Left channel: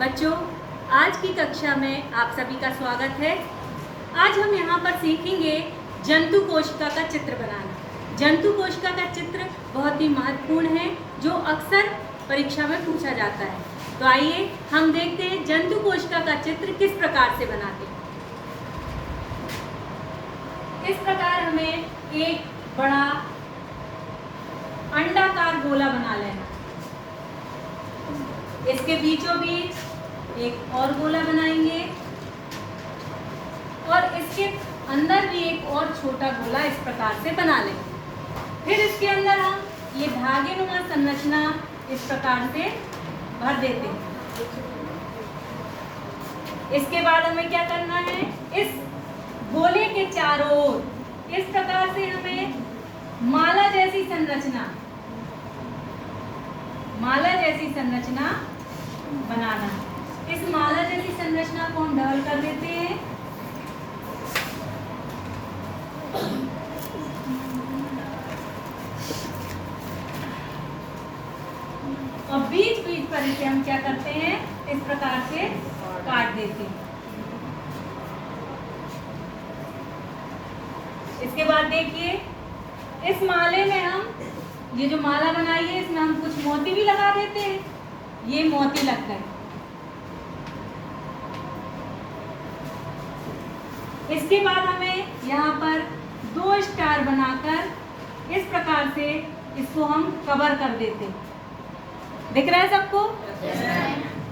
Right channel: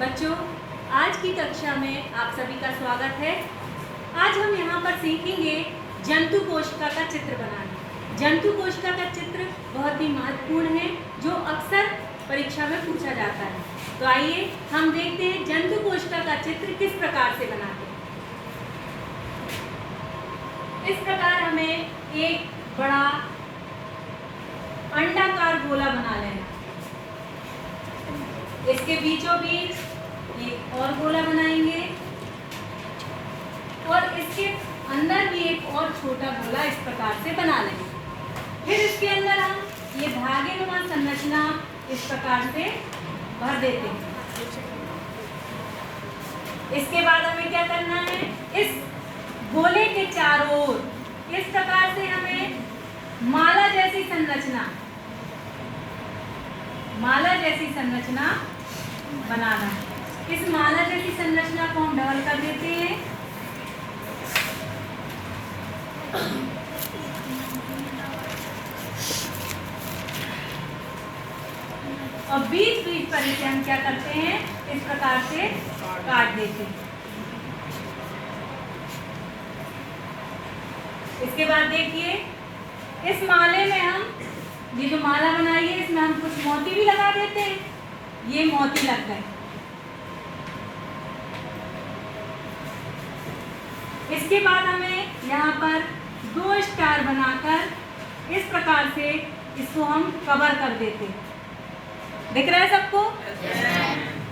बच्चों, आज की कक्षा में आप सभी का स्वागत है। आज हम यहाँ पर सीखेंगे जंतु कोशिका का चित्र बनाना। जंतु कोशिका का चित्र बहुत ही महत्वपूर्ण है जो अक्सर परीक्षा में पूछा जाता है। तो आइए हम देखते हैं जंतु कोशिका का चित्र किस प्रकार से बनाते हैं। इस प्रकार हमें एक बड़ा अंडाकार गोला बना लेना। इसके बीचों बीच एक और गोला बनाएंगे और इसके अंदर भी एक और छोटा गोला इस प्रकार से बना लेंगे। फिर इसके अंदर हम ये धागेनुमा संरचना इस प्रकार से भर देते हैं। इसके बाद हमें क्या करना है, इस गोले के चारों ओर इस प्रकार से हमें माला जैसी संरचना बनाना है। इस माला जैसी संरचना को हम डबल कर देते हैं और बीच बीच पर इसे हम क्या करते हैं, इस प्रकार से काट देते हैं। इसके बाद देखिए, इस माले में हम ये जो माला बनाई है इसमें हम कुछ मोती भी लगा देते हैं। ये मोती लग गए। इसके बाद हमें यहाँ पर 2 स्टार बनाकर इस प्रकार से इसको हम कवर कर देते हैं। दिख रहा है सबको?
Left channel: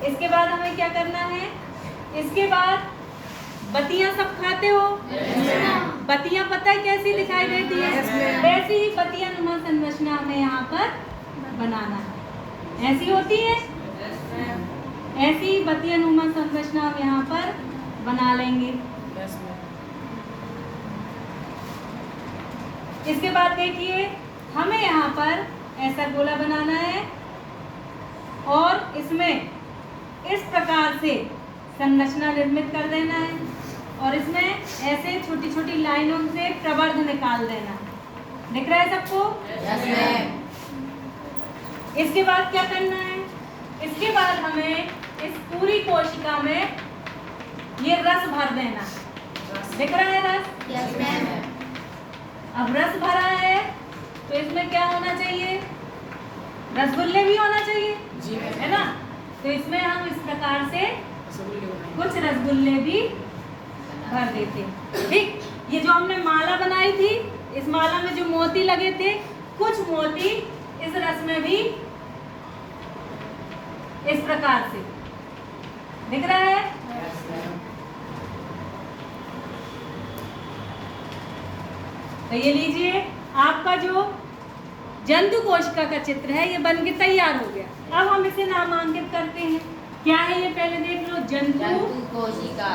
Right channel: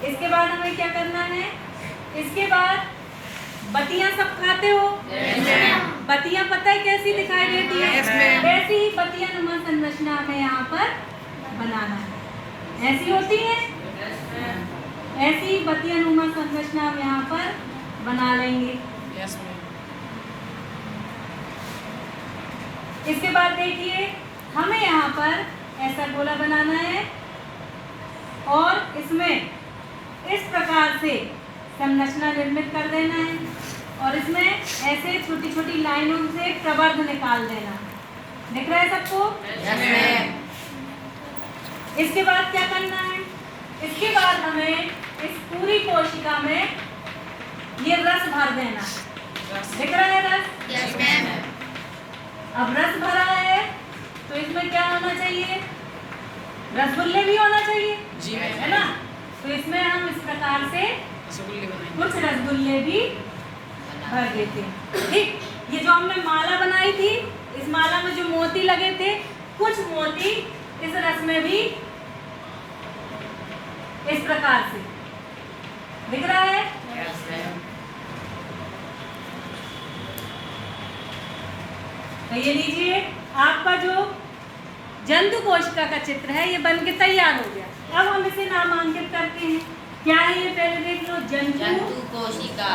इसके बाद हमें क्या करना है, इसके बाद बत्तियां सब खाते हो? बत्तियां पता है कैसी दिखाई देती है? ऐसी ही बत्तियां नुमा संरचना हमें यहाँ पर बनाना है। ऐसी होती है, ऐसी बत्तियां नुमा संरचना हम यहाँ पर बना लेंगे। इसके बाद देखिए, हमें यहाँ पर ऐसा गोला बनाना है और इसमें इस प्रकार से संरचना निर्मित कर देना है और इसमें ऐसे छोटी छोटी लाइनों से प्रवर्ग निकाल देना। दिख रहा है सबको? इसके बाद क्या करना है, इसके बाद हमें इस पूरी कोशिका में ये रस भर देना। दिख रहा है रस? अब रस भरा है तो इसमें क्या होना चाहिए, रसगुल्ले भी होना चाहिए जी, है ना? तो इसमें हम इस प्रकार से कुछ रसगुल्ले भी भर देते हैं। ठीक, ये जो हमने माला बनाई थी, इस माला में जो मोती लगे थे, कुछ मोती इस रस में भी इस प्रकार से दिख रहा है। तो ये लीजिए, आपका जो जंतु कोशिका का चित्र है ये बनके तैयार हो गया। अब हम इसे नामांकित करते हैं। क्या है ये, पहले देख लो, जंतु कोशिका।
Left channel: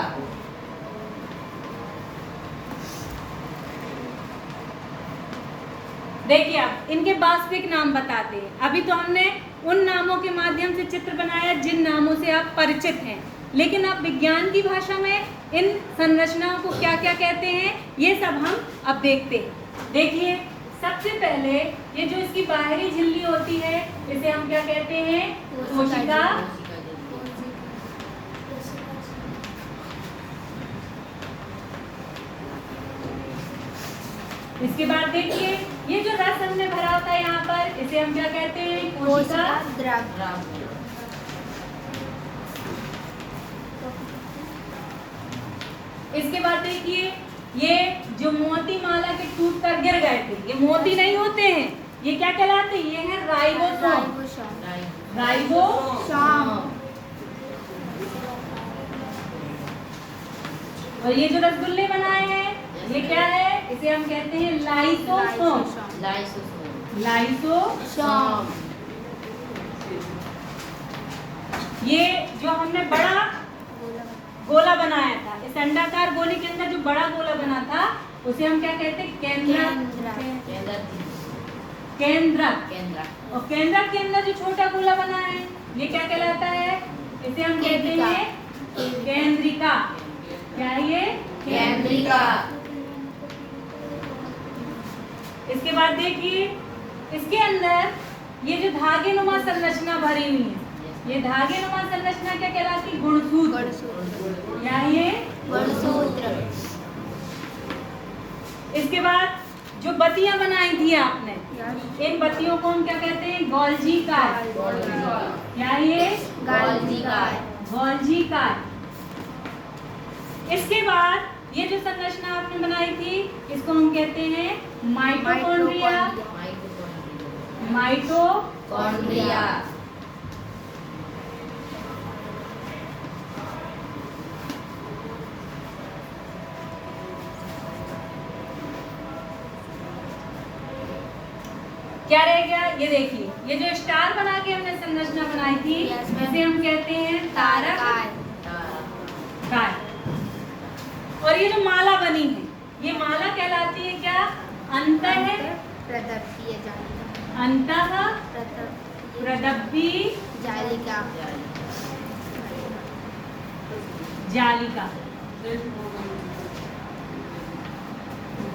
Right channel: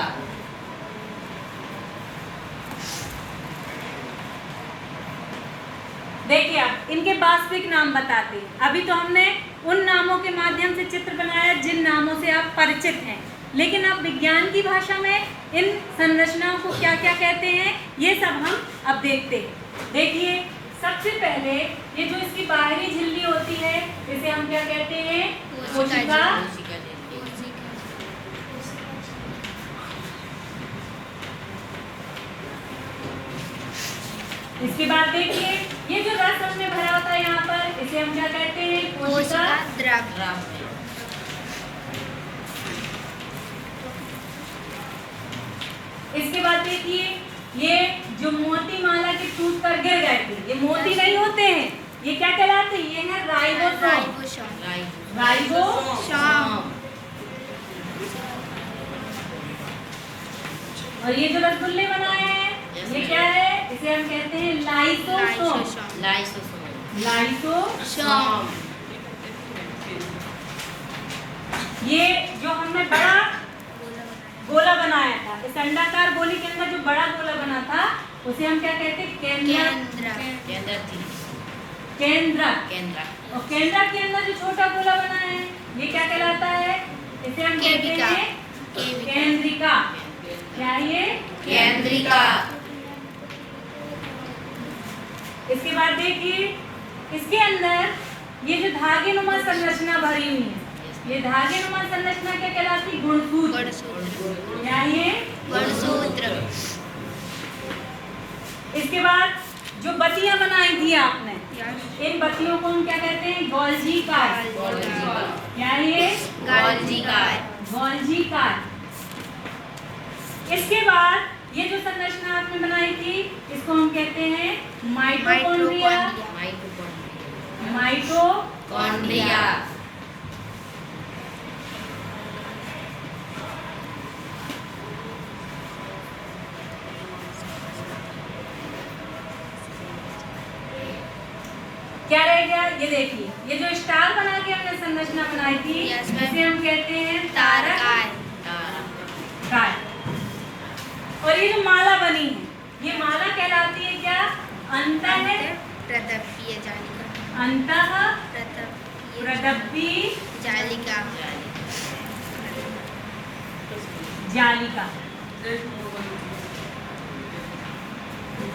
देखिए, आप इनके वास्तविक नाम बताते हैं। अभी तो हमने उन नामों के माध्यम से चित्र बनाया जिन नामों से आप परिचित हैं, लेकिन अब विज्ञान की भाषा में इन संरचनाओं को क्या क्या कहते हैं ये सब हम अब देखते हैं। देखिए, सबसे पहले ये जो इसकी बाहरी झिल्ली होती है इसे हम क्या कहते हैं, कोशिका। इसके बाद देखिए, ये जो रस हमने भरा होता है यहाँ पर इसे हम क्या कहते हैं, कोशिका द्रव्य। इसके बाद देखिए, ये जो मोती माला के टूट कर गिर गए थे, ये मोती नहीं होते हैं, ये क्या कहलाते हैं, ये है राइबोसोम। और ये जो रसगुल्ले बनाए हैं ये क्या है, इसे हम कहते हैं लाइसोसोम। ये जो हमने बड़ा गोला बनाया था, इस अंडाकार गोले के अंदर जो बड़ा गोला बना था उसे हम क्या कहते हैं, केंद्रक। और केंद्रक के अंदर जो छोटा गोला बना है ये क्या कहलाता है, इसे हम कहते हैं केंद्रिका। क्या है ये, केंद्रिका। इसके बाद देखिए, इसके अंदर ये जो धागेनुमा संरचना भरी हुई है, ये धागेनुमा संरचना क्या कहलाती बत्तियां बनाई थी आपने, इन बत्तियों को हम क्या कहते हैं? Golgi car. क्या ये? Golgi car. Golgi car. इसके बाद ये जो संरचना आपने बनाई थी इसको हम कहते हैं माइटोकॉन्ड्रिया। माइटोकॉन्ड्रिया। क्या रह गया? ये देखिए, ये जो स्टार बना के हमने संरचना बनाई थी इसे हम कहते हैं तारक कार। और ये जो माला बनी है, ये माला कहलाती है क्या? प्रदप्पीय जालिका। अंतः प्रदप्पी जालिका। जालिका।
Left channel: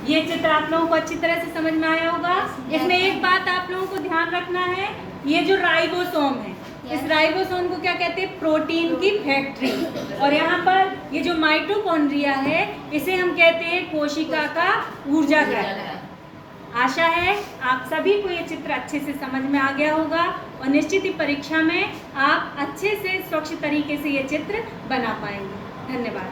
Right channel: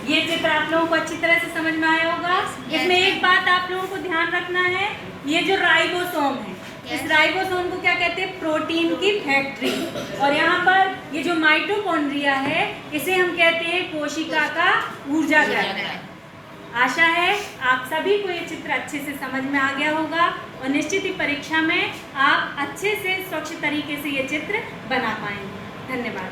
ये चित्र आप लोगों को अच्छी तरह से समझ में आया होगा। इसमें एक बात आप लोगों को ध्यान रखना है, ये जो राइबोसोम है, इस राइबोसोम को क्या कहते हैं? प्रोटीन की फैक्ट्री। और यहाँ पर ये जो माइटोकॉन्ड्रिया है इसे हम कहते हैं कोशिका का ऊर्जा घटक। आशा है आप सभी को ये चित्र अच्छे से समझ में आ गया होगा और निश्चित ही परीक्षा में आप अच्छे से स्वच्छ तरीके से ये चित्र बना पाएंगे। धन्यवाद।